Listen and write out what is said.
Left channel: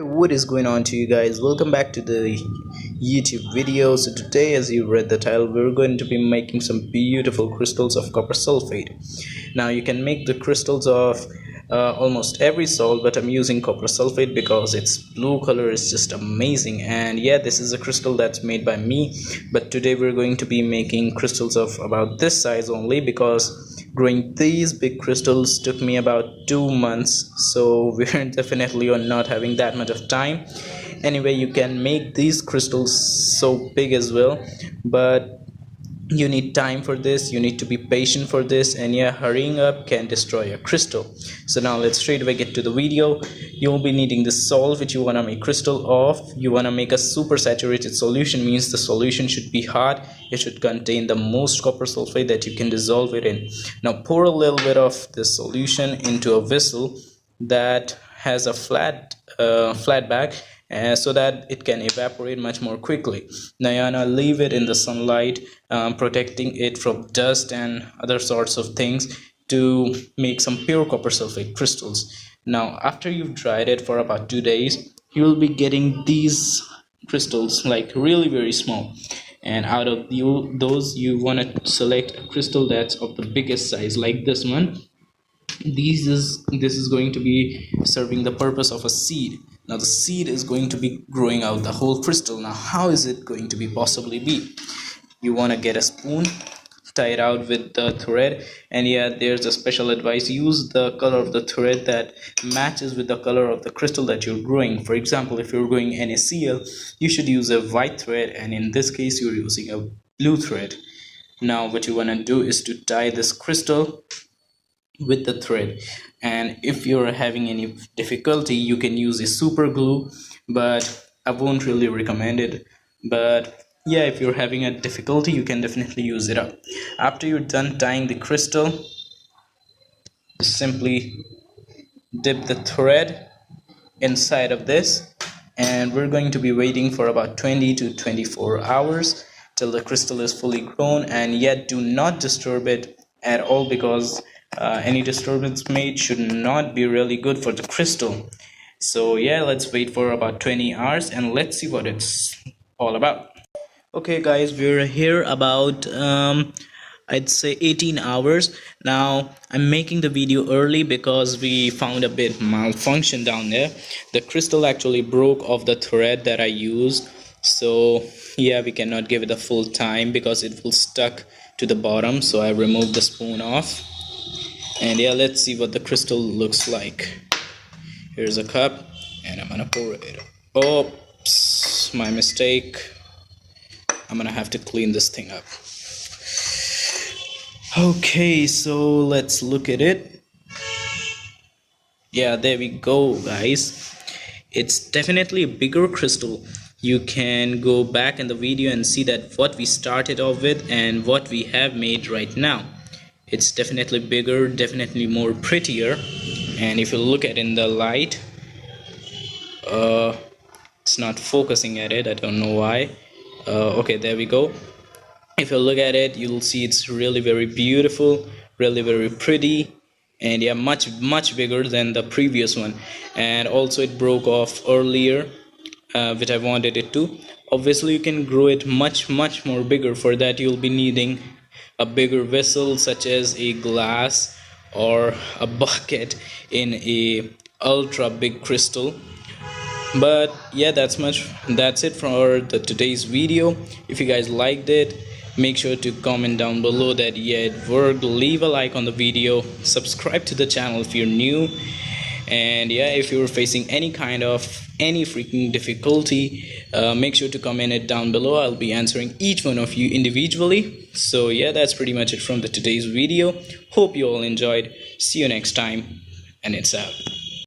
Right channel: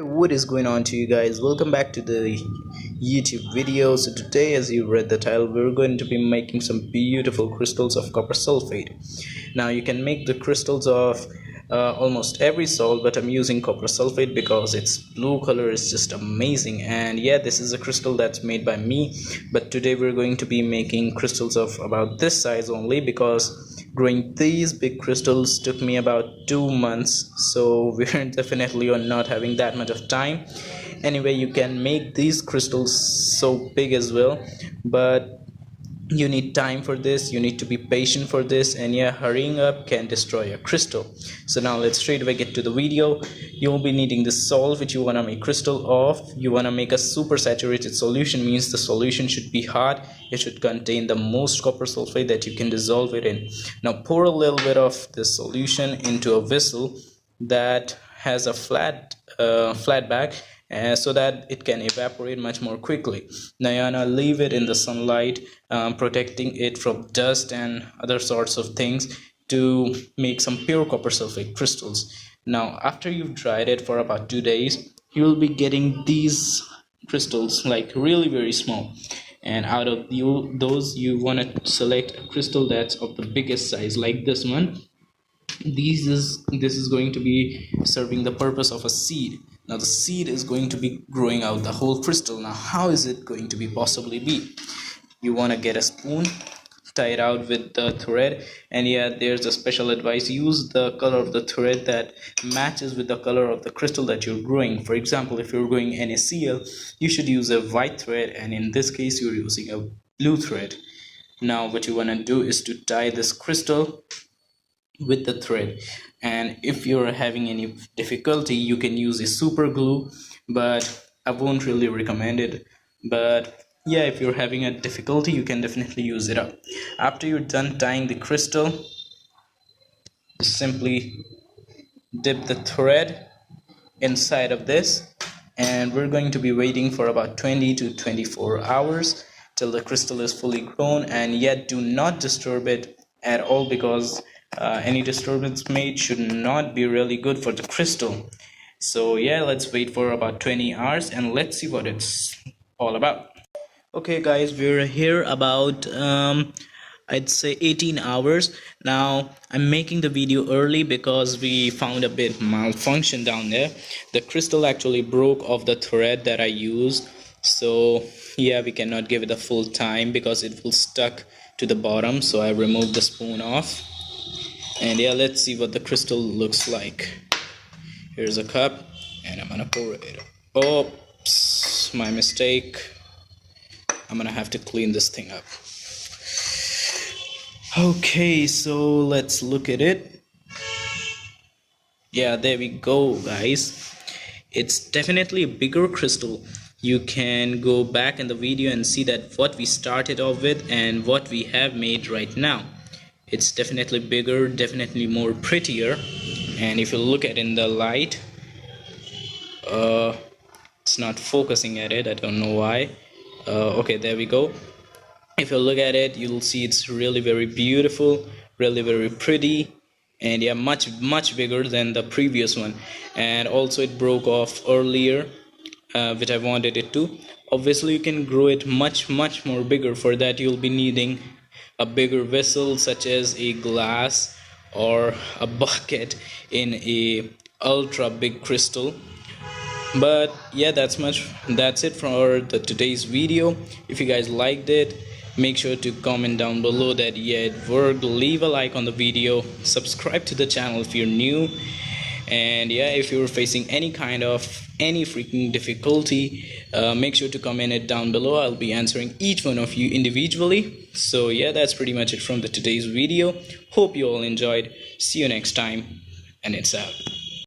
What is going on to you guys? Welcome back to the YouTube video. So today, as you read the title, we're going to be making some beautiful crystals of copper sulfate. Now you can make the crystals of almost every salt, but I'm using copper sulfate because its blue color is just amazing. And yeah, this is a crystal that's made by me, but today we're going to be making crystals of about this size only, because growing these big crystals took me about 2 months, so we're definitely not having that much of time. Anyway, you can make these crystals so big as well, but you need time for this, you need to be patient for this, and yeah, hurrying up can destroy a crystal. So now let's straight away get to the video. You'll be needing the salt which you want to make crystal of. You want to make a super saturated solution, means the solution should be hot. It should contain the most copper sulfate that you can dissolve it in. Now pour a little bit of this solution into a vessel that has a flat back, so that it can evaporate much more quickly. Now you wanna leave it in the sunlight, protecting it from dust and other sorts of things, to make some pure copper sulfate crystals. Now after you've dried it for about 2 days, you will be getting these crystals, like really very small. And out of those you want to select a crystal that's of the biggest size, like this one. This is going to be serving the purpose of a seed. Now the seed is going to be growing out the whole crystal. Now how is it going to be possibly be? You want to get a spoon, tie it out with the thread, and yeah, there's a special advice: use the color of the thread that matches with the color of the crystal that you're growing. For example, if you're growing NaCl, you should use a white thread, and in this case you're using a blue thread. Now what you want to do is to tie this crystal with the thread, and if you're having any difficulty, you can use a super glue, but I won't really recommend it. But yeah, if you're having a difficulty, you can definitely use it up. After you're done tying the crystal, simply dip the thread inside of this, and we're going to be waiting for about 20 to 24 hours till the crystal is fully grown. And yet do not disturb it at all, because any disturbance made should not be really good for the crystal. So yeah, let's wait for about 20 hours and let's see what it's all about. Okay guys, we're here about I'd say 18 hours. Now I'm making the video early because we found a bit malfunction down there. The crystal actually broke off the thread that I used, so yeah, we cannot give it the full time because it will stuck to the bottom. So I removed the spoon off, and yeah, let's see what the crystal looks like. Here's a cup, and I'm gonna pour it. Oops, my mistake. I'm gonna have to clean this thing up. Okay, so let's look at it. Yeah, there we go guys. It's definitely a bigger crystal. You can go back in the video and see that what we started off with and what we have made right now. It's definitely bigger, definitely more prettier. And if you look at it in the light, it's not focusing at it, I don't know why. Okay, there we go. If you look at it, you'll see it's really very beautiful, really very pretty, and yeah, much bigger than the previous one. And also it broke off earlier, which I wanted it to. Obviously you can grow it much more bigger. For that you'll be needing a bigger vessel, such as a glass or a bucket in a ultra big crystal. But yeah, that's it for today's video. If you guys liked it, make sure to comment down below that yeah, it worked. Leave a like on the video, subscribe to the channel if you're new, and yeah, if you're facing any freaking difficulty, make sure to comment it down below. I'll be answering each one of you individually. So yeah, that's pretty much it from today's video. Hope you all enjoyed. See you next time, and it's out.